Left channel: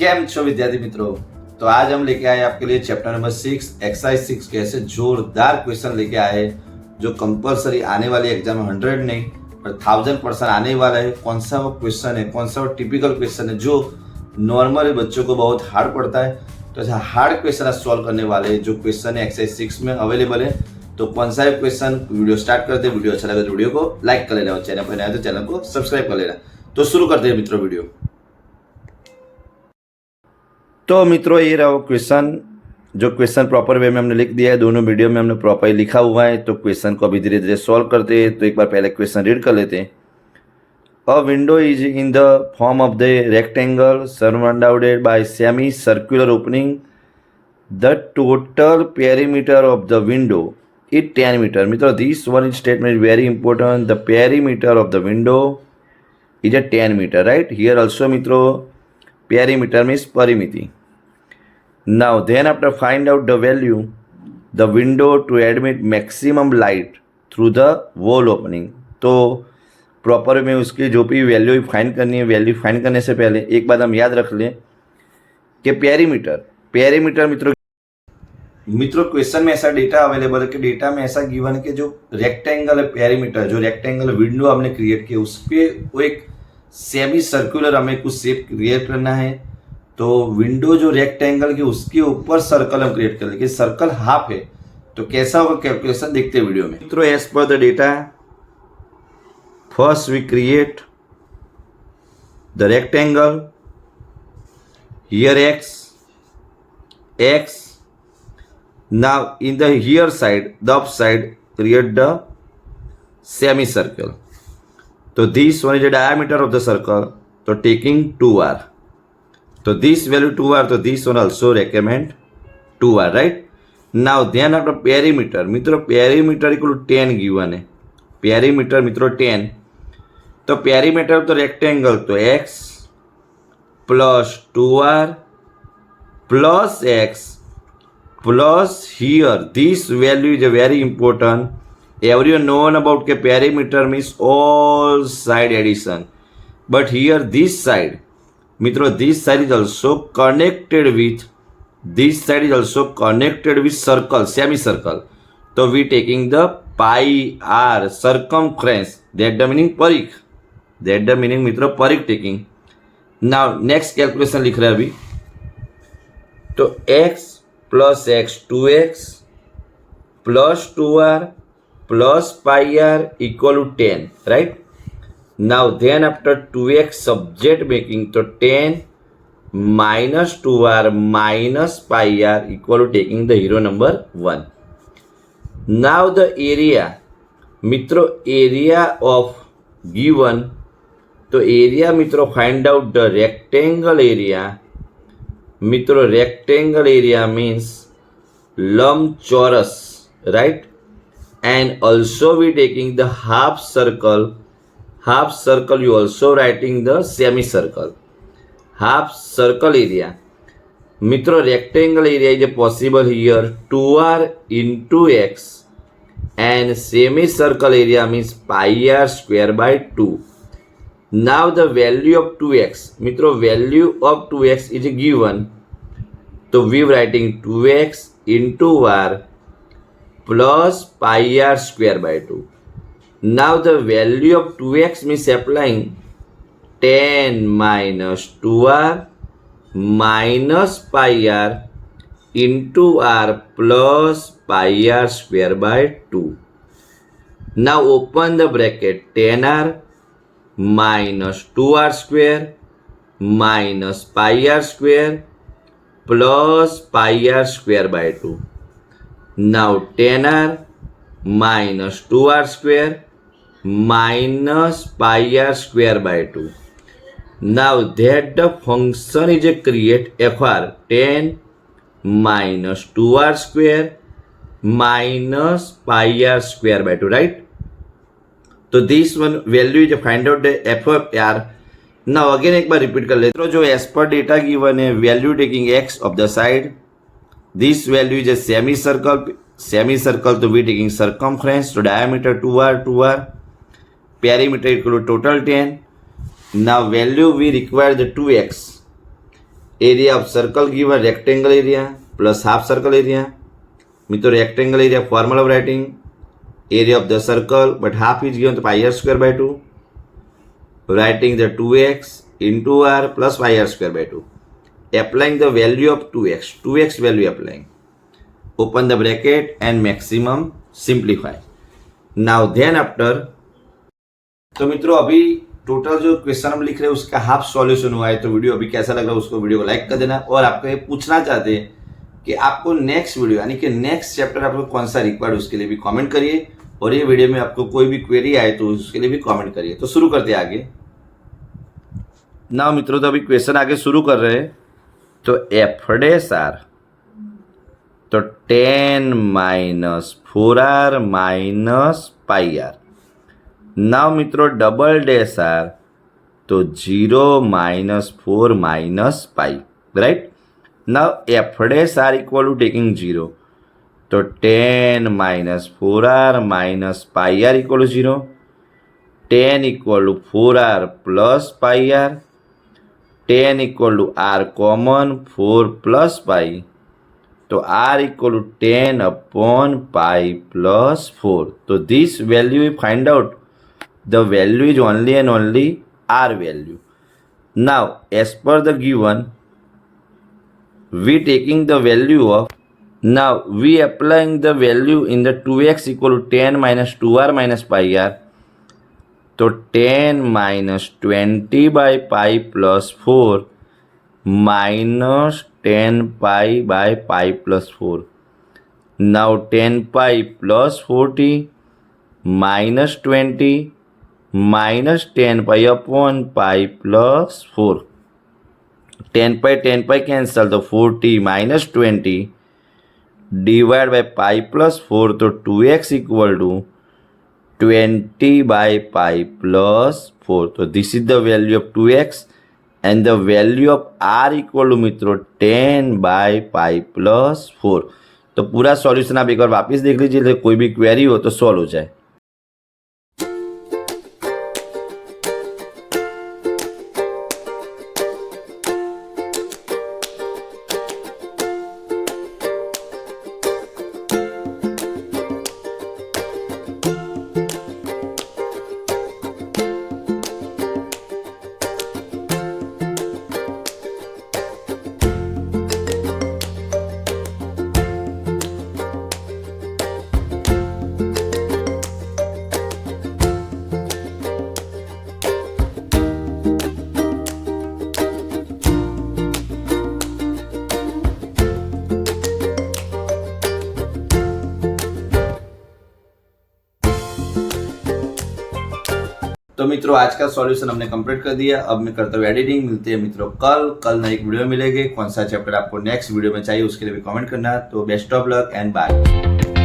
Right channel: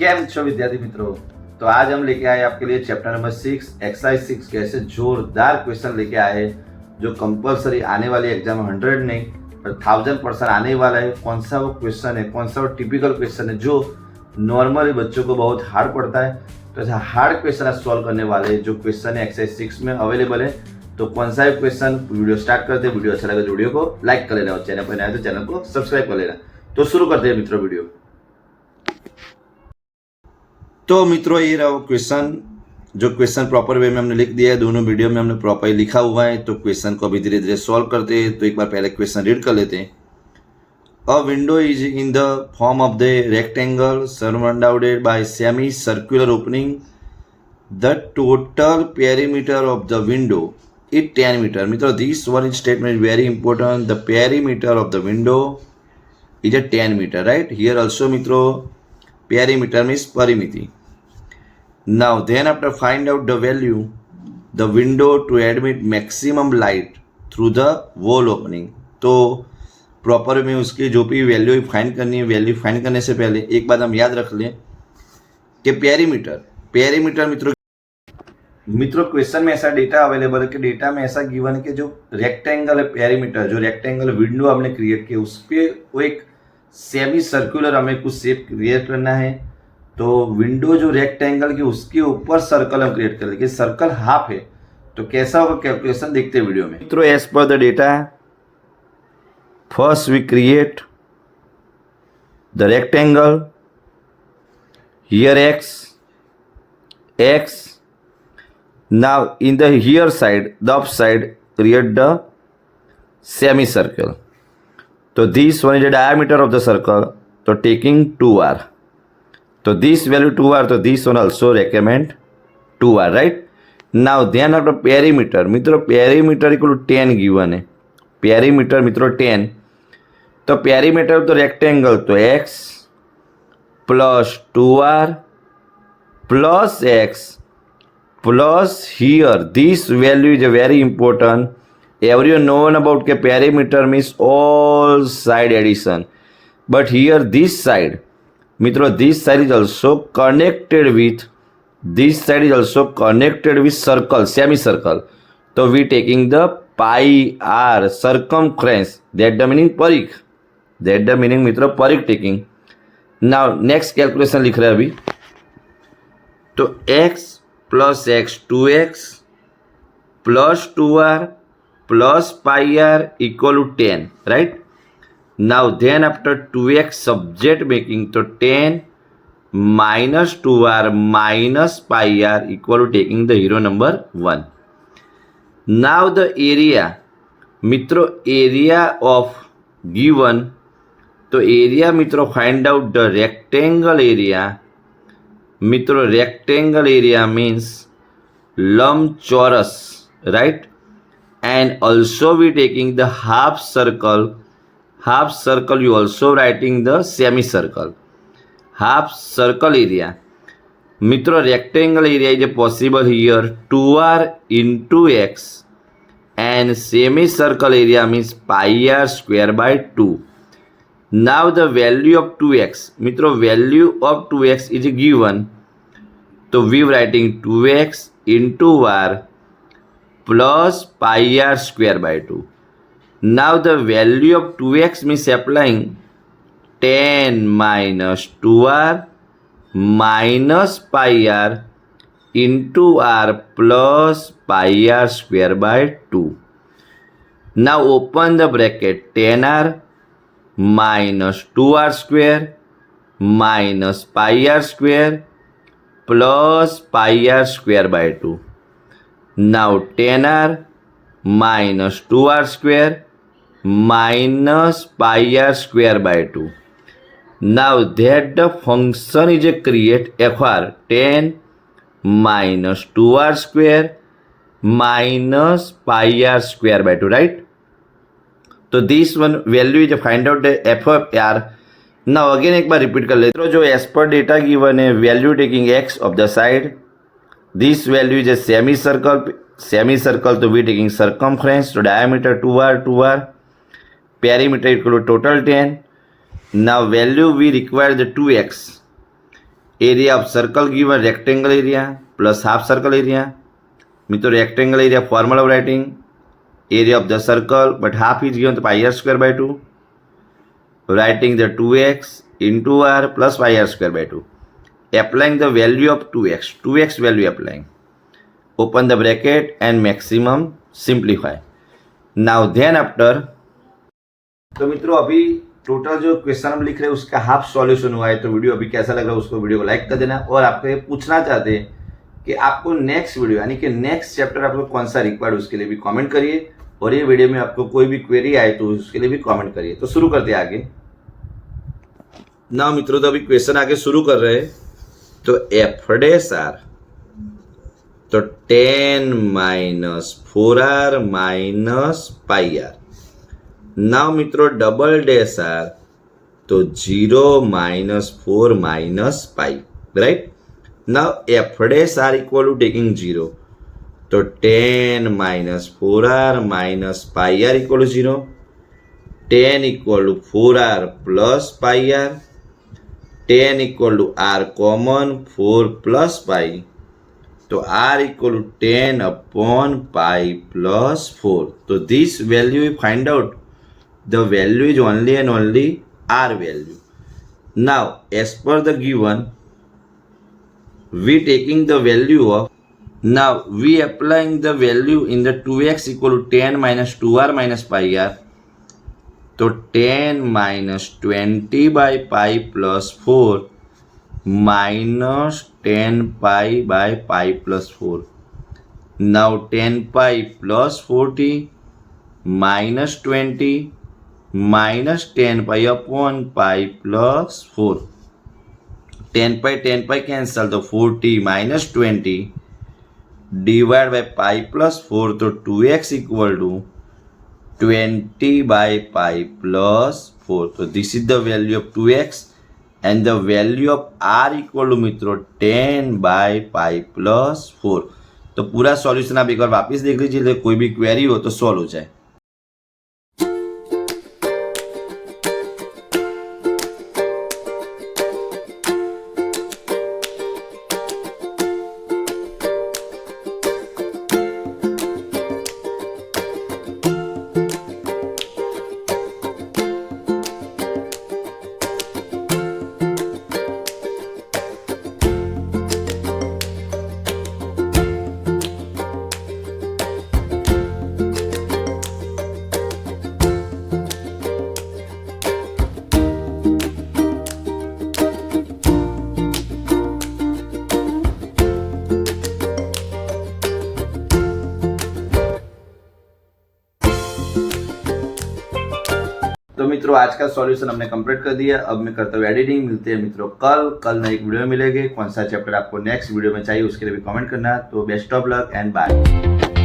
केम छो विद्यार्थी मित्रों। तो आज हम लेके आए आपके लिए चैप्टर नंबर 6 एक्सरसाइज 6 के ऐसे जोरदार क्वेश्चन लेके आए जो कंपलसरी आने वाले एग्जाम में 100 नहीं पर 1000% आने वाला है। कौन सा वो क्वेश्चन है, कौन सा वो टिपिकल क्वेश्चन है जो नॉर्मली बच्चों को बहुत हार्ड पड़ता है। तो ऐसा हार्ड क्वेश्चन आज सॉल्व करने वाले हैं जो क्वेश्चन है एक्सरसाइज 6 में अवेलेबल है। तो कौन सा है क्वेश्चन, वीडियो स्टार्ट करते हैं। वीडियो अच्छा लगे तो वीडियो को लाइक कर लेना और चैनल पर नया तो चैनल को सब्सक्राइब कर लेना। तो शुरू करते हैं मित्रों वीडियो। तो मित्रों ये रहा वो क्वेश्चन, जो क्वेश्चन प्रॉपर वे में हमने लिख दिया है, दोनों वीडियो में हमने प्रॉपर लिखा हुआ है। तो क्वेश्चन को अभी धीरे धीरे सॉल्व करते हैं। तो एक बार पहले क्वेश्चन रीड कर लेते हैं। A window is in the form of the rectangle surrounded by semi circular opening. The total perimeter of the window is 10 metre. मित्रों this one statement is very important. The perimeter of the window is a 10 metre, right. Here also मित्रों perimeter means परिमिति. Now then after find out the value the window to admit maximum light through the wall opening. तो प्रॉपर में उसकी जो भी value find करनी है, value find करने से पहले एक बात हम याद रख लें कि पेरीमीटर मित्रों क्वेश्चन में ऐसा डेटा अवेलेबल है कि डेटा में ऐसा गिवन है कि जो रेक्टेंगल है पेरीमीटर, जो रेक्टेंगल विंडो हमने क्रिएट किया उस पर वो एक सेमी सर्कुलर हमें कुछ शेप क्रिएट करना है। तो विंडो जो रेक्टेंगल की उसके ऊपर सर्कल हम क्रिएट कर लेंगे। सर्कल हाफ है तो कैसा होगा कैलकुलेशन देखते हैं वीडियो में। मित्रों as per the data first we create the rectangle here x now in the here side the up side create the semi circle. तो this one is the diameter of the circle, तो taking 2r. तो this value 2r, तो this one also recommend 2r, right. Now then after perimeter, मित्रों perimeter equal to 10 given है. Perimeter मित्रों 10, तो perimeter of the rectangle तो x plus 2r plus x plus here this value is very important. Everyone known about के perimeter means all side addition, but here this side, मित्रों this side is also connected with circle, semicircle. तो we taking the pi r circumference, that the meaning Parikh, that the meaning मित्रों परिख taking. Now next calculation लिख रहे हैं अभी. तो x plus x 2x plus 2r plus pi r equal to 10, right. Now then after 2x subject making, तो 10 minus 2r minus pi r equal to taking the hero number 1. Now the area, मित्रों area of given, तो area मित्रों find out the rectangle area. मित्रों rectangle area means लंबचौरस, right. And also we taking the half circle you also writing the semicircle. Half circle area, मित्रों rectangle area is possible here 2r into x and semicircle area means pi r square by 2. Now the value of 2x, मित्रों value of 2x is given, तो we writing 2x into r plus pi r square by 2. Now the value of 2x means applying 10 minus 2r minus pi r into r plus pi r square by 2. Now open the bracket, 10r minus 2r square minus pi r square plus pi r square by 2. Now 10r minus 2r square minus pi r square by 2. Now that the function is a create fr 10 minus 2r square minus pi r square by 2, right. तो this one value is find out the f of r. Now again एक बार रिपीट कर लेते हैं. जो as per data given है value taking x of the side, this value is a semicircle, तो we taking circumference, तो diameter 2r, perimeter equal to total 10. Now value we require the 2x area of circle given rectangle area plus half circle area. मित्रों rectangle area formula of writing area of the circle but half is given तो pi r square by 2. Writing the 2x into r plus pi r square by 2. Applying the value of 2x value applying. Open the bracket and maximum simplify. Now then after, तो मित्रों अभी टोटल जो क्वेश्चन हम लिख रहे हैं उसका हाफ सॉल्यूशन हुआ है. तो वीडियो अभी कैसा लग रहा है उसको वीडियो को लाइक कर देना. और आपको ये पूछना चाहते हैं कि आपको नेक्स्ट वीडियो यानी कि नेक्स्ट चैप्टर आपको कौन सा रिक्वायर्ड उसके लिए भी कमेंट करिए. और ये वीडियो में आपको कोई भी क्वेरी आए तो उसके लिए भी कमेंट करिए. तो शुरू करते हैं आगे. ना मित्रों तो अभी क्वेश्चन आगे शुरू कर रहे हैं. तो एफ डैश आर तो 10 minus 4r minus pi r. Now मित्रों डबल डैश आर तो 0 minus 4 minus pi. Right. Now f dash r equal to taking 0 तो 10 minus 4r minus pi r equal to 0. 10 equal to 4r plus pi r. 10 equal to r common 4 plus pi तो r equal to 10 upon pi plus 4. तो this value we find out the value is only and only r value. Now as per the given we taking the value of now we applying the value in the 2x equal to 10 minus 2r minus pi r. तो 10 minus 20 by pi plus 4 minus 10 pi by pi plus 4. Now 10 pi plus 40 minus 20 minus 10 pi upon pi plus 4. 10 pi cancel तो 40 minus 20 divide by pi plus 4 तो 2x equal to 20 by pi plus 4. तो this is the value of 2x and the value of r equal to मित्रों 10 by pi plus 4. तो पूरा सॉल्यूशन आप एक बार वापस देख लीजिए. कोई भी क्वेरी हो तो सॉल्व हो जाए. तो मित्रों आज का सॉल्यूशन हमने कंप्लीट कर दिया. अब मैं करता हूँ एडिटिंग. मिलते हैं मित्रों कल नई वीडियो मिलेगी. कौन सा चैप्टर आपको नेक्स्ट वीडियो में चाहिए उसके लिए भी कमेंट करना. तो best of luck and bye.